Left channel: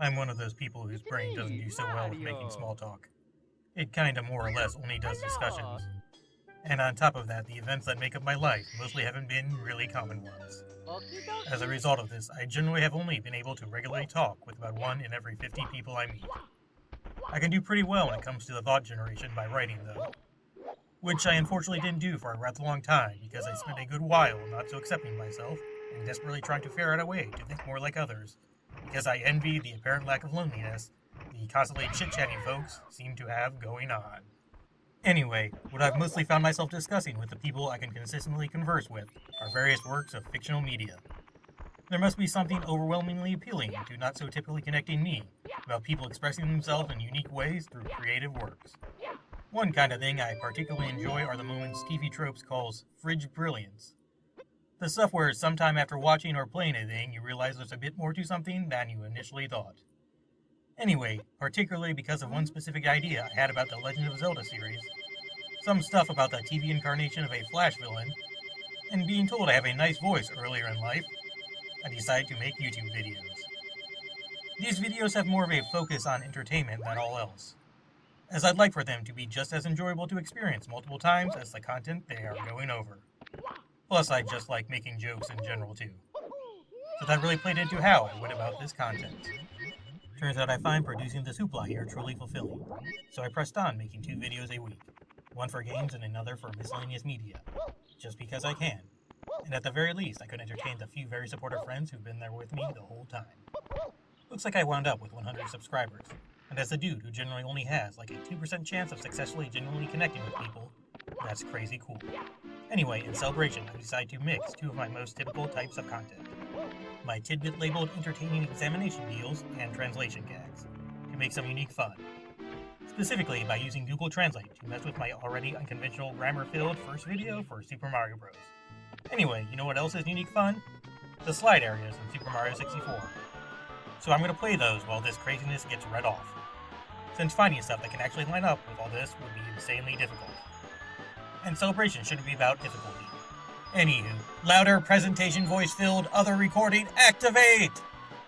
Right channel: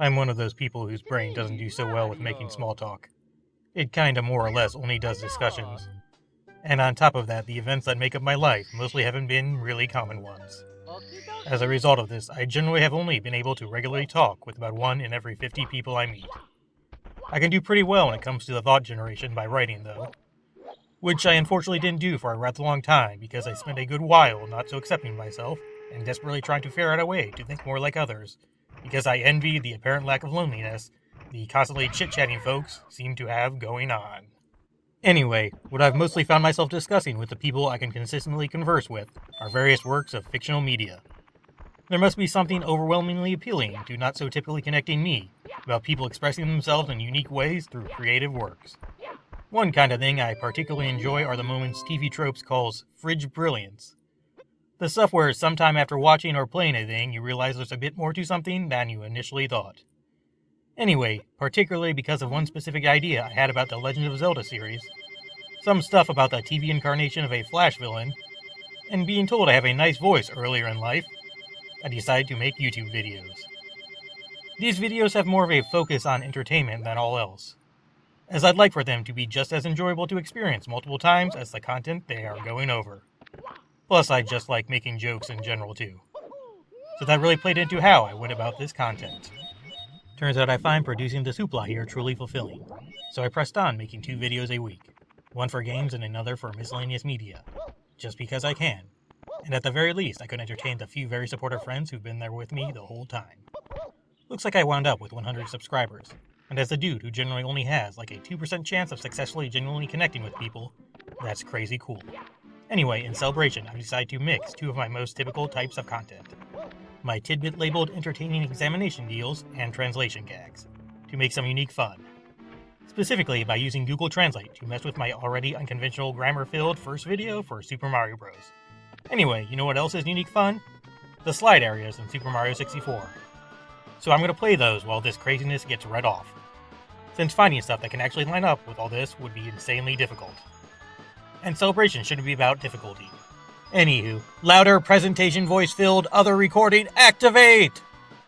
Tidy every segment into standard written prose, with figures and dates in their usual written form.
I'm one of those people whose brain doesn't do so well with making small talk. It kinda more or less only does discussions. And on top of that, the events that make up my life mostly haven't been really common ones. As a result of this, I generally have only been able to regularly talk with about 1 in every 50 people I meet. I can do pretty well when it comes to the thought generation by writing, though. Which I unfortunately didn't do for a rather long time because I spent a good while not so accepting myself and desperately trying to figure out a way to think more like others, because I envied the apparent lack of loneliness the constantly chit-chatting folks seem to have going on. Anyway, what I've mostly found myself discussing with the people I can consistently converse with are various works of fictional media. There must be something overwhelmingly appealing to not so typically connecting me about people expressing themselves in unique ways through creative works. One kind of thing I particularly enjoy are the moments TV Tropes calls fridge brilliance. The stuff where sometime after watching or playing a thing you realize there's a bit more to something than you initially thought. Anyway, particularly because of one specific idea I had about the Legend of Zelda series, some stuff about the TV incarnation of a Flash villain, and being told I have a nice voice earlier in life, I decided to make YouTube videos. These videos have more of a focus on entertainment than all else, as I'd like for them to be just as enjoyable to experience multiple times as the content they are going over. Plus, I just like making jokes in general too. So that really played into how I went about this content. Turns out I find producing this hoopla here truly fulfilling, so I pressed on making 2 videos a week, one for games and another for miscellaneous media, just because I can, and at the very least I could entertain the few very supportive friends who've been there with me the whole time. Looks like I wound up with 100 subscribers, and as a dude who generally only has like a 2% chance of successfully genuinely connecting with people, that's crazy cool. Anyway, in celebration, I decided to mix 2 of my most typical types of content. My tidbit labeled entertaining examination deals and translation gags, to make some unique fun. Specifically by using Google Translate to mess with my already unconventional grammar-filled first video for Super Mario Bros. Anyway, you know what else is unique fun? The slide areas in Super Mario 64. So I'm going to play those while this craziness gets read off, since finding stuff that can actually line up with all this would be insanely difficult. And celebration shouldn't be about difficulty. Anywho, louder presentation voice-filled other recording activate!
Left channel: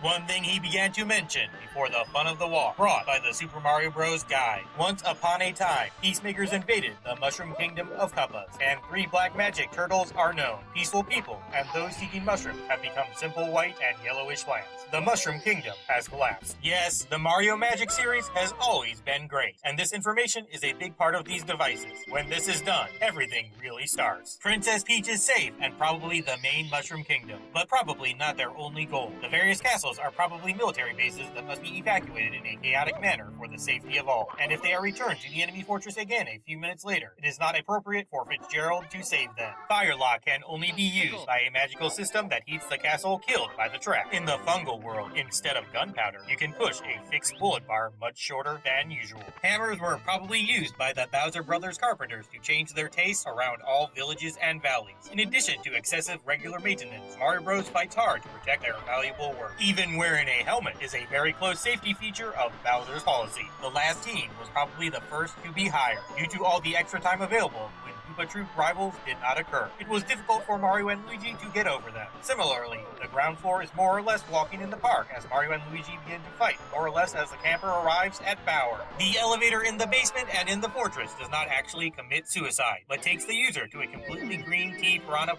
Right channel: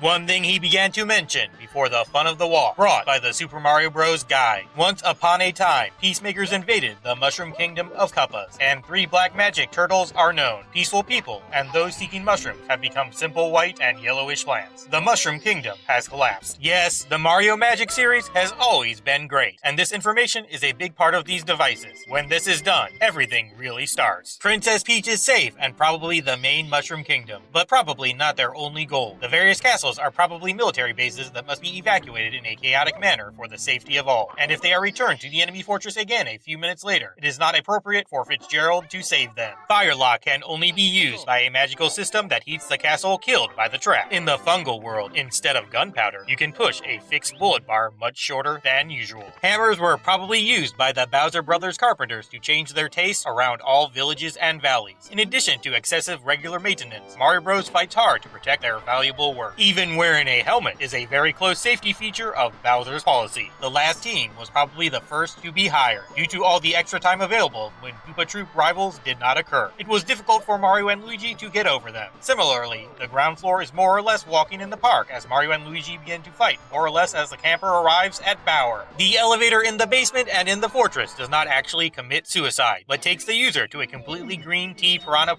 One thing he began to mention before the fun of the walk, brought by the Super Mario Bros. Guide. Once upon a time, peacemakers invaded the Mushroom Kingdom of Koopas, and 3 black magic turtles are known. Peaceful people, and those seeking mushrooms have become simple white and yellowish plants. The Mushroom Kingdom has collapsed. Yes, the Mario Magic series has always been great, and this information is a big part of these devices. When this is done, everything really starts. Princess Peach is safe and probably the main Mushroom Kingdom, but probably not their only goal. The various castles are probably military bases that must be evacuated in a chaotic manner for the safety of all. And if they are returned to the enemy fortress again a few minutes later, it is not appropriate for Fitzgerald to save them. Firelock can only be used by a magical system that heats the castle killed by the trap. In the fungal world, instead of gunpowder, you can push a fixed bullet bar much shorter than usual. Hammers were probably used by the Bowser Brothers carpenters to change their tastes around all villages and valleys. In addition to excessive regular maintenance, Mario Bros fights hard to protect their valuable work. Even wearing a helmet is a very close safety feature of Bowser's policy. The last team was probably the first to be hired, due to all the extra time available when Koopa Troop rivals did not occur. It was difficult for Mario and Luigi to get over them. Similarly, the ground floor is more or less walking in the park as Mario and Luigi begin to fight, more or less as the camper arrives at Bower. The elevator in the basement and in the fortress does not actually commit suicide, but takes the user to a completely green tea piranha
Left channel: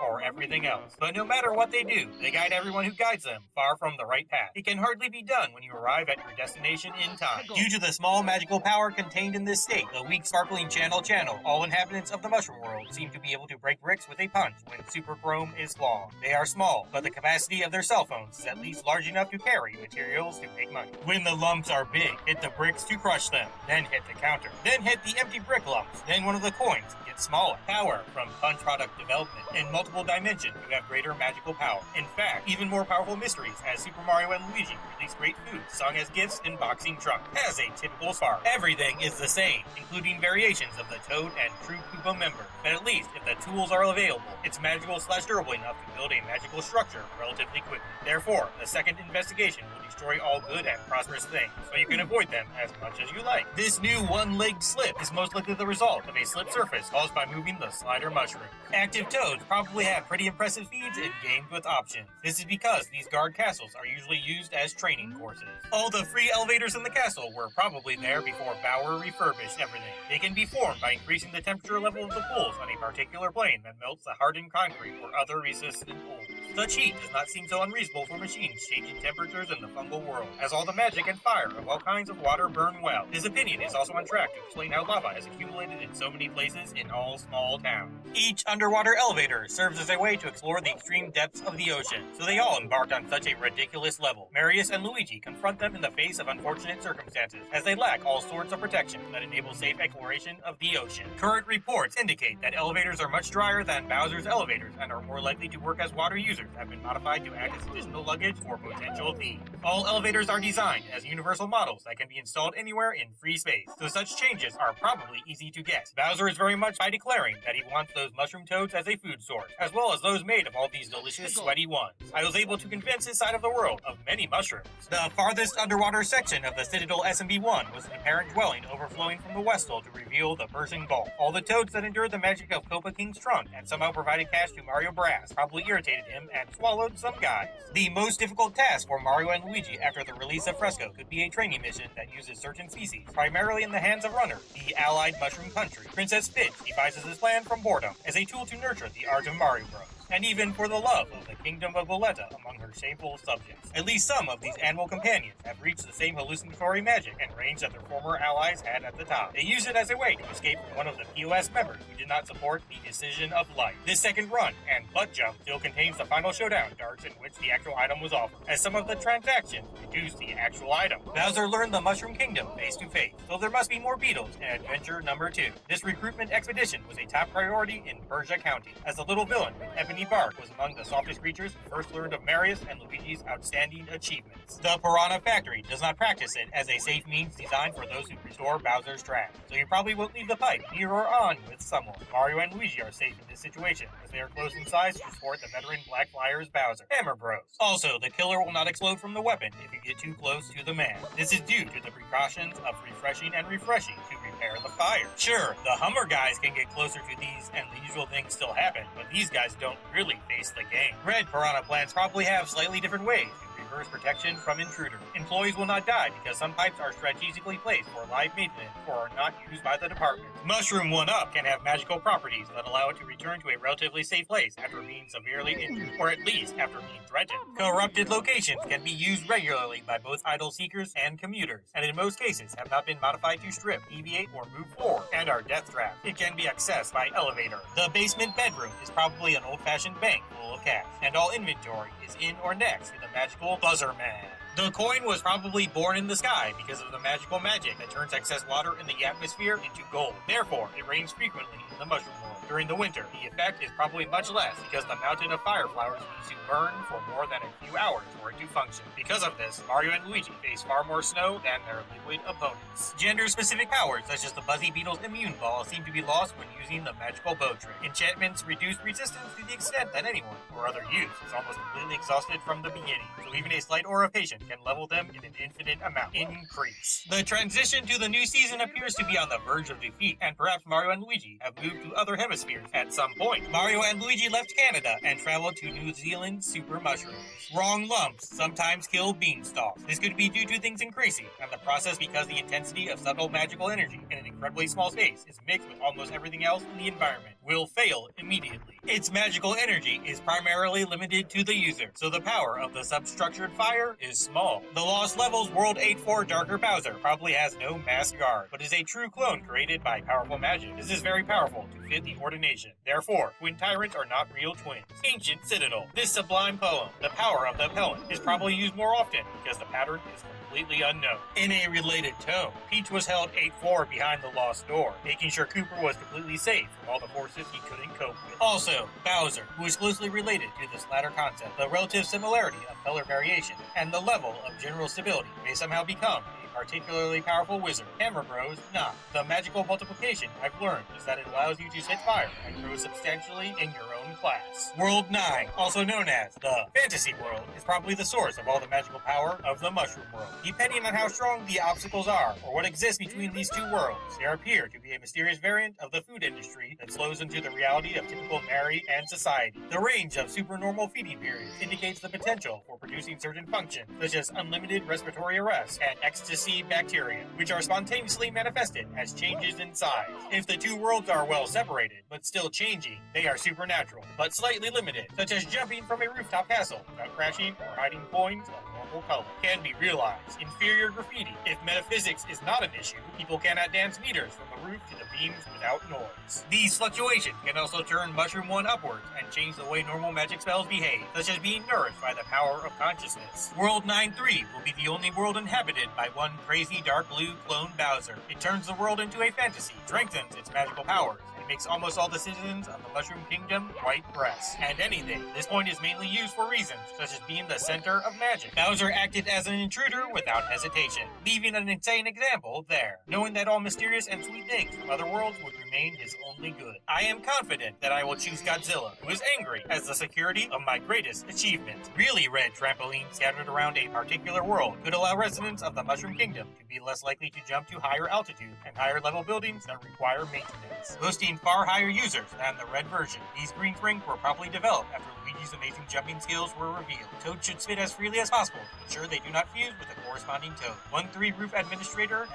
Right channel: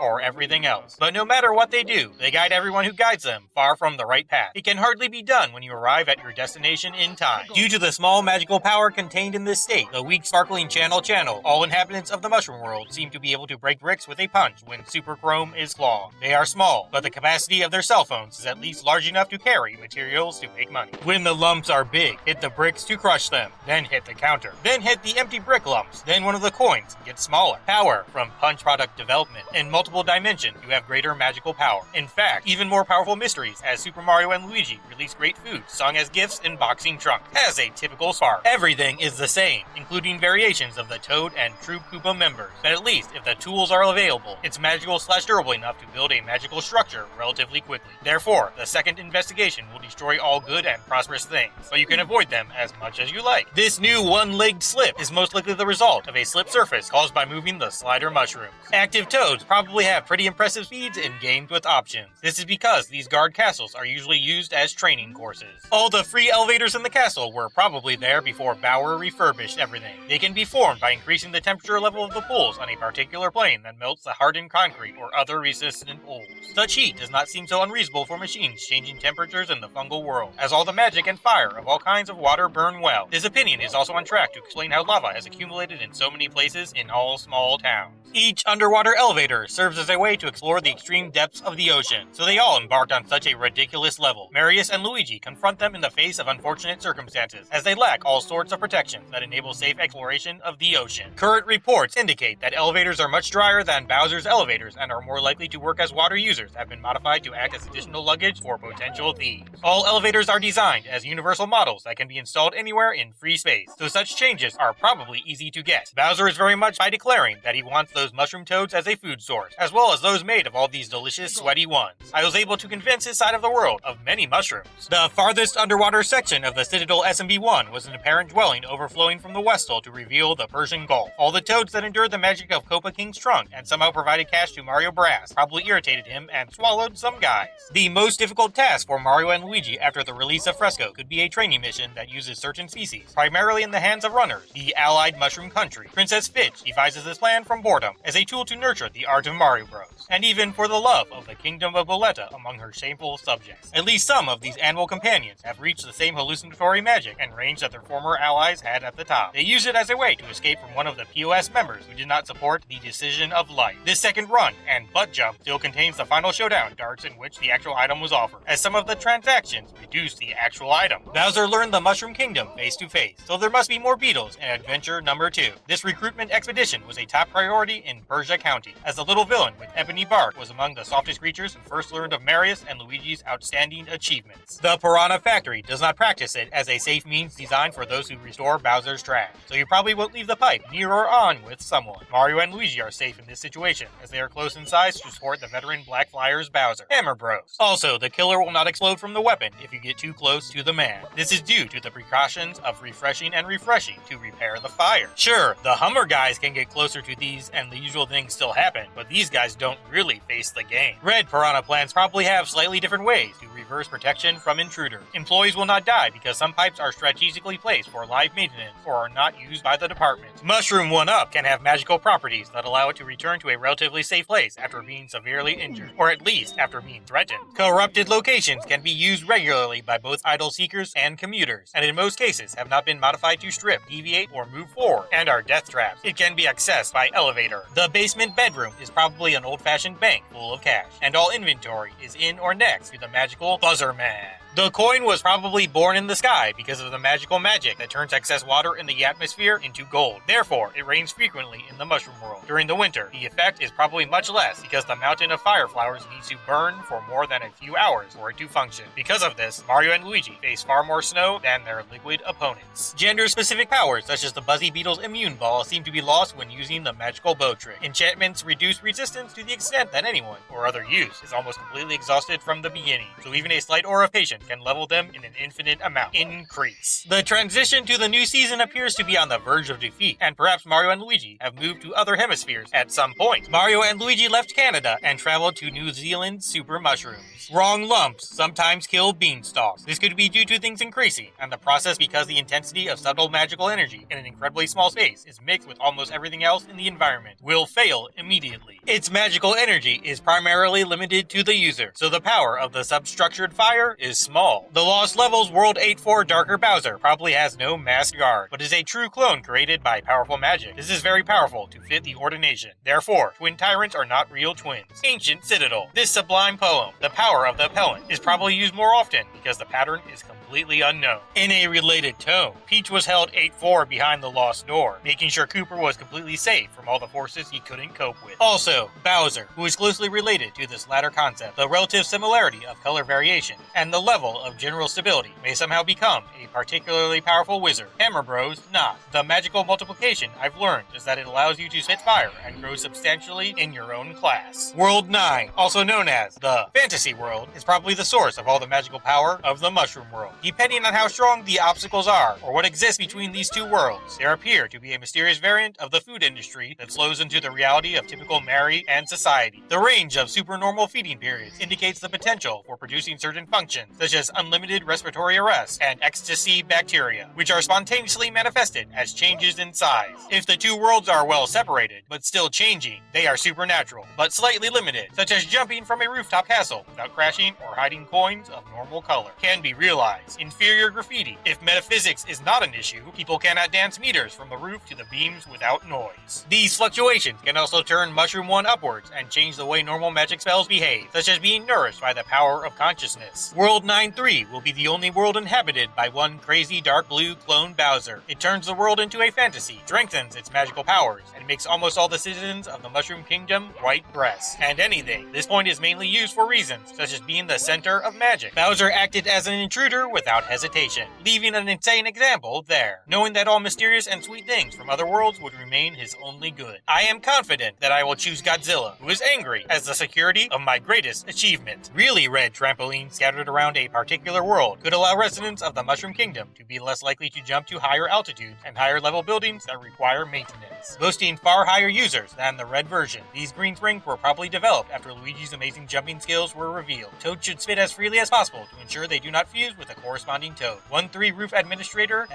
or everything else. But no matter what they do, they guide everyone who guides them far from the right path. It can hardly be done when you arrive at your destination in time. Due to the small magical power contained in this state, the weak sparkling channel, all inhabitants of the Mushroom World seem to be able to break bricks with a punch when Super Chrome is flawed. They are small, but the capacity of their cell phones is at least large enough to carry materials to make money. When the lumps are big, hit the bricks to crush them, then hit the counter, then hit the empty brick lumps, then one of the coins gets smaller. Power from punch product development. In multiple dimensions, you have greater magical power. In fact, even more powerful mysteries as Super Mario and Luigi release great food sung as gifts in boxing trunks. As a typical spark, everything is the same, including variations of the Toad and True Koopa members. But at least, if the tools are available, it's magical/durable enough to build a magical structure relatively quickly. Therefore, the second investigation will destroy all good and prosperous things, but you can avoid them as much as you like. This new one-legged slip is most likely the result of a slip surface caused by moving the slider mushrooms. Active Toads probably have pretty impressive speeds in games with options. This is because these guard castles castles are usually used as training courses. All the free elevators in the castle were probably there before Bauer refurbished everything. They can be formed by increasing the temperature level of the pools on a particular plane that melts the hardened concrete or other resistant pools. Such heat does not seem so unreasonable for machines changing temperatures in the fungal world, as all the magic and fire of all kinds of water burn well. His opinion is also on track to explain how lava has accumulated in so many places in all small towns. Each underwater elevator serves as a way to explore the extreme depths of the ocean, so they all embarked on such a ridiculous level. Marius and Luigi confront them in the face of unfortunate circumstances, as they lack all sorts of protection that enable safe exploration of the ocean. Current reports indicate that elevators are much drier than Bowser's elevators and are more likely to work as water users have been modified to act as additional luggage for potential thieves. All elevators are designed as universal models that can be installed anywhere in free space, so such changes are probably easy to get. Bowser is very much by declaring that he wants those mushroom toads as a food source, as well as those made of all these delicious, sweaty ones. I was able to convince his side of the world of many mushrooms. The farthest underwater section of the Citadel SMB-1 was an apparent dwelling overflowing from the Westall to reveal the Persian Gulf. All the toads that endured the magic of Copa King's trunk and somehow provided cash to Mario Brass probably irritated him and swallowed some guys. The most difficult task for Mario and Luigi after the release of Fresco could be a training mission that uses certain species, primarily in the hands of runners, the allied mushroom country. Princess Fitch devises this plan from boredom as a tool to nurture the art of Mario Bros, and even for the love of the kingdom of Boletta among her shameful subjects. At least some of these animal companions have reached the same hallucinatory magic and range that their former allies had at the top. They use it as a way to escape from one of the POS members who did not support the decision of life. This second run and butt jump still contains the final showdown darts in which the actual item was offered, as some of the transactions reduce the actual item. Bowser learned the Mushroom Kingdom face to face, so there must be more beetles in adventure number 2. This recruitment expedition was a top priority in Persia County, as the little villain with ebony bark was among the softest creatures who first learned of Marius and Luigi's outstanding achievements. The Piranha Factory does not practice it as a safe means designed for those who restore Bowser's trash, so you probably won't leave the pipe near or on with someone. Mario and Luigi are safe in this situation, as they are close in size to support the veteran Black Flyers Bowser. Hammer Bros. Also, the killer will not explode from the weapon if you get too close to the man. This is due to the precautions of refreshing to repair the fire. Sure, the Hummer guys can get closer to these and the usual things still happen, but these guys don't really face the game. Red Piranha plants probably have slightly different ways to reverse protection from intruder. Employees will not die because some pipes are strategically placed for live maintenance or are not used by the department. Mushroom 1-Up can have magical properties that allow it to return to a relatively safe place after being severely injured, or at least after being threatened. Corrupted locations can be used regularly by both idle seekers and commuters, and in most cases have not been modified to strip, deviate, or move forward, and are death traps. It can be accessed by elevator. The basement bedroom is probably an old-fashioned bank full of cash, and all inventory is in or next to the magical Buzzer Man. The coin was probably born in the sky because of the magical magic that turns excess water in the atmosphere into gold. Therefore, it rains frequently in the mushroom world. During the winter, the effect is probably much less because the mountain of fire flowers needs to burn for more than a few hours for it to function. Because of this, Mario and Luigi face far more snow than their liquid opponents. Gender-specific powers such as the Buzzy Beetle's immune ball seem to be lost when using the magical bow trick. Enchantments reduce resistance to the extent that anyone, or other use, is almost completely exhausted from the beginning, so even a slight aura of patience can level them in an infinite amount. Increase. The transition to the new season appears to be on the verge of defeat, and perhaps Mario and Luigi have moved to other hemispheres at some point. Mario and Luigi left Canada and traveled to New Zealand super mushrooms. Wrong lumps sometimes kill beanstalks. This could be due to things increasing, and the process because the intensity of subtle magical energy in an incredibly small space is mixed with almost everything else in the environment will fail immediately. Its magical energy is primarily limited to the user, so the power of the substructured fire is small. The Lost Levels World 8-4 Darker Bowser probably has no masked guard, but is a true clone created by powerful magic. This is very powerful to fit the ordination. Therefore, twin tyrants are not real twins. Ancient Citadel. This sublime poem, the power of the appellant, is probably used more often because the pattern is completely unknown. In a related tone, Peach was held 8-4 behind the lost door, making sure Cooper was completely safe from all the forces he couldn't cope with. Also, Bowser, who is closely related to this latter concept, the relative similarity of color variation, and the level of general stability may somehow become a particularly powerful wizard. Hammer Bros, not. The magical multiplication I've learned is that it allows you to spit fire and grow substantially in your own class. World 9, also known as the Fantasy World, is probably the source of all the magical power of the Mushroom World. Depending on how strong the obstacles are, or what exists between these two worlds, there appear to be a mysterious variant of the food industry that flows into the reality of typical Mario dietary and society. The range of supernormal feeding periods indicates the potential for producing certain functions, such as unlimited respiratory arrest and ecstasy bacteria, which are spontaneously manifested as changes in size. If the two worlds are well separated, but still changing, they are supernatural, but slightly limited, such as jumping from a rooftop castle without crashing or hiding coins of normal color. Can be realized. Inferior graffiti. If metaphysics is not an issue, people cannot dance meters from the roof to the beams without noise. These fluctuations can also turn Mushroom 1 upwards and change the way normal magic spells behave, such as being nourished by the power of consciousness. World 9-3 will be the only world inhabited by one crazy dark blue clone Bowser. It turns the world into a fantasy, strengthens its magical powers, and makes almost all the citizens of the Mushroom Kingdom white breasts. And anything. This point is mainly used for reasons, such as being the center of magic. Bowser acted as an intruder without hesitation, leaving an insane example there, knowing that all mysterious and sweet things from other worlds would remain his only good. I am confident that I will choose Godzilla, who is angry, as the security of my greatest achievement. Really red trampolines scattered around a particular world could allow residents of the Mushroom Kingdom to be less likely to jump to higher altitudes and higher level buildings that require maintenance, boasting far higher users than the red version. These green springs were probably developed after Luigi's amazing jumping skills were revealed. Toads should spit as freely as possible to ensure they do not fuse with a corresponding toad. 1-3 Roof Administrator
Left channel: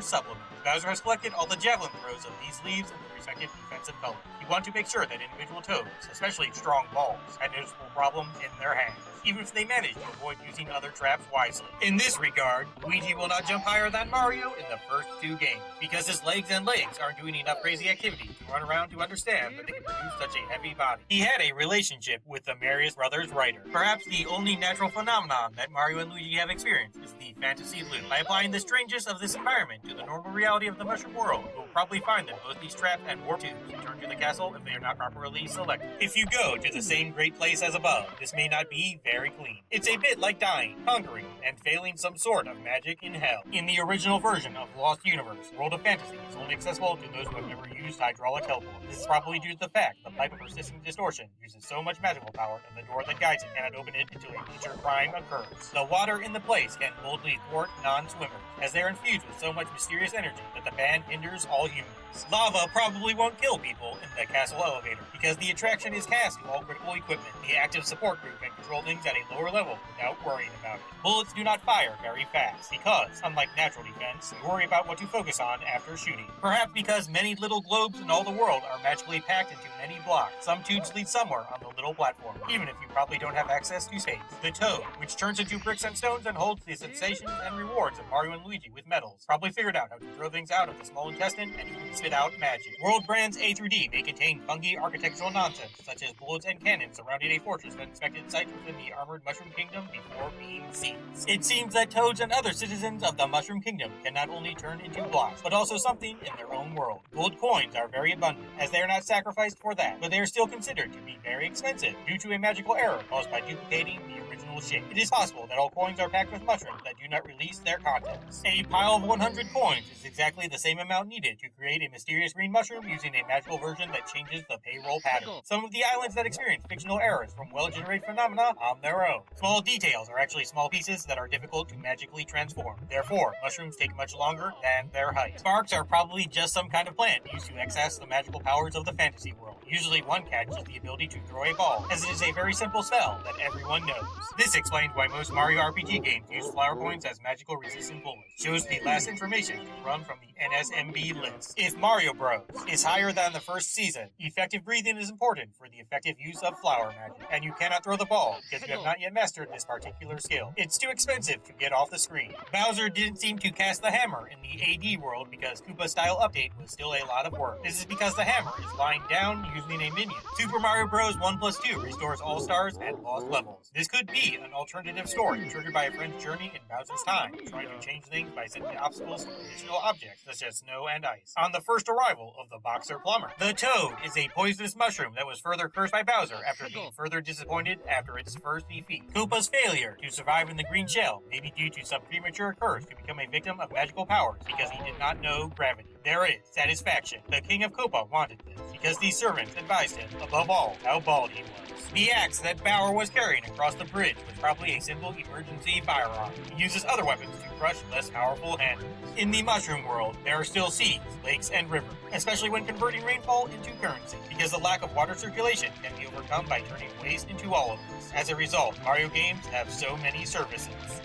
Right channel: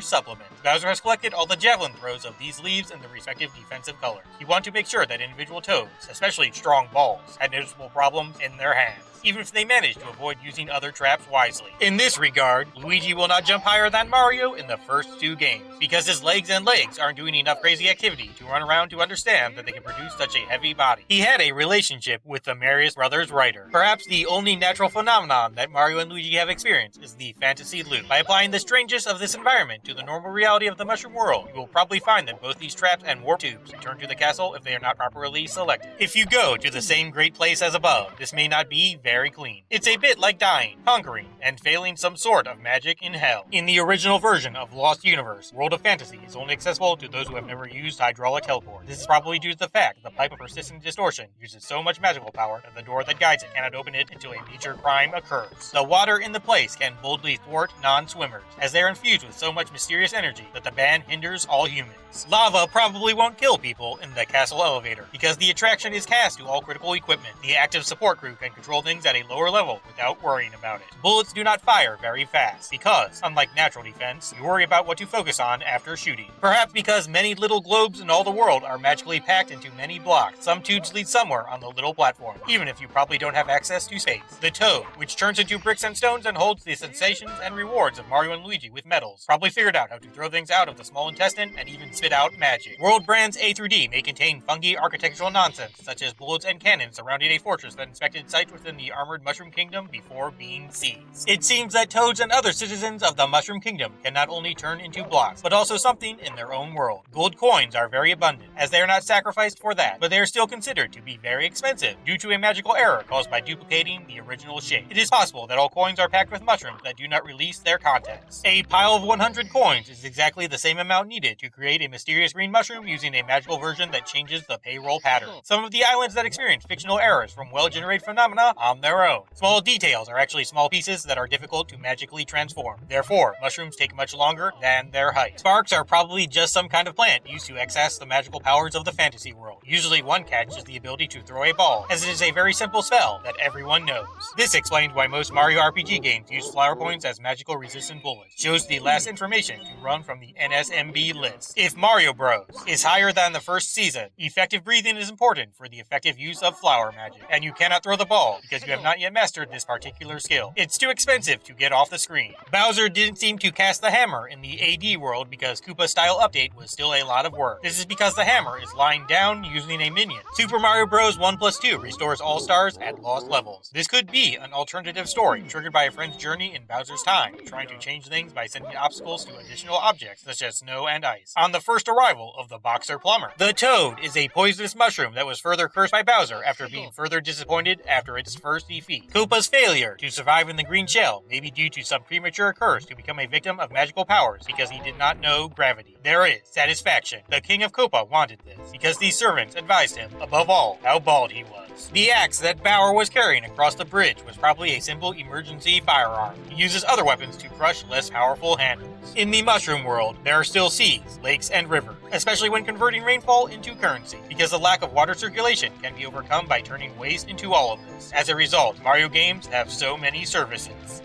Supplement. Bowser has collected all the javelin throws of these leaves in the respective defensive colors. You want to make sure that individual toads, especially strong balls, had noticeable problems in their hands, even if they manage to avoid using other traps wisely. In this regard, Luigi will not jump higher than Mario in the first two games, because his legs aren't doing enough crazy activity to run around to understand that they can produce such a heavy body. He had a relationship with the Marius Brothers writer. Perhaps the only natural phenomenon that Mario and Luigi have experienced is the fantasy loop. By applying the strangeness of this environment to the normal reality of the Mushroom world, you will probably find that both these traps and warp tubes return to the castle if they are not properly selected. If you go to the same great place as above, this may not be very clean. It's a bit like dying, conquering, and failing some sort of magic in hell. In the original version of Lost Universe, World of Fantasy is only accessible to those who have never used hydraulic teleport. This is probably due to the fact the pipe of persistent distortion uses so much magical power that the door that guides it cannot open it until a major crime occurs. The water in the place can boldly thwart non-swimmers, as they are infused with so much mysterious energy that the ban hinders all humans. Lava probably won't kill people in the castle elevator, because the attraction is cast to all critical equipment. The active support group can control things at a lower level without worrying about it. Bullets do not fire very fast, because, unlike natural defense, you worry about what to focus on after shooting. Perhaps because many little globes in all the world are magically packed into many blocks, some tubes lead somewhere on the little platform, even if you probably don't have access to space. The Toad, which turns into bricks and stones and holds the sensations and rewards of Mario and Luigi with medals, probably figured out how to throw things out of the small intestine and even spit out magic. World brands A through D may contain funky architectural nonsense, such as bullets and cannons surrounding a fortress that inspected sites within the armored Mushroom Kingdom before being seized. It seems that Toads and other citizens of the Mushroom Kingdom can not only turn into blocks, but also something in their own world. Gold coins are very abundant, as they are not sacrificed for that, but they are still considered to be very expensive due to a magical error caused by duplicating the original shape. It is possible that all coins are packed with mushrooms that do not release their contents. A pile of 100 coins is exactly the same amount needed to create a mysterious green mushroom using a magical version that changes the payroll pattern. Some of the islands that experience fictional errors from well-generated phenomena on their own. Small details are actually small pieces that are difficult to magically transform. Therefore, mushrooms take much longer than their height. Sparks are probably just some kind of plant used to access the magical powers of the fantasy world. Usually one catch is the ability to throw a ball, as it is a very simple spell that everyone knows. This explains why most Mario RPG games use flower coins as magical resistant bullets. Shows the last information to run from the NSMB list. If Mario Bros. Is higher than the first season, effective breathing is important for the effective use of flower magic, and you cannot throw the ball because you have not yet mastered this particular skill. It's too expensive to get off the screen. Bowser didn't seem to cast the hammer in the AD world because Koopa style update was still a lot of work. This is because the hammer is lying down using a minion. Super Mario Bros. 1+2 restores all stars at lost levels. This could be an alternative story triggered by a friend's journey in Bowser's time, trying to change things by sending obstacles to additional objects such as snow and ice. On the first arrival of the Boxer Plumber. The Toad is a poisonous mushroom that was further cursed by Bowser after being further disappointed after its first defeat. Koopa's failure to survive in the green shell may be due to some premature curse to become a victim of magical powers because he did not know gravity. There is satisfaction. The King of Copa wanted this, because these servants advised him, above all, how bald he was. The axe that Bauer was carrying across the bridge was probably a simple emergency firearm. He uses other weapons to crush less powerful handles. In the mushroom world, there are still seas, lakes, and rivers, especially when converting rainfall into currency, because the lack of water circulation can be overcome by turning waste into olives. As a result, Mario games have so many services.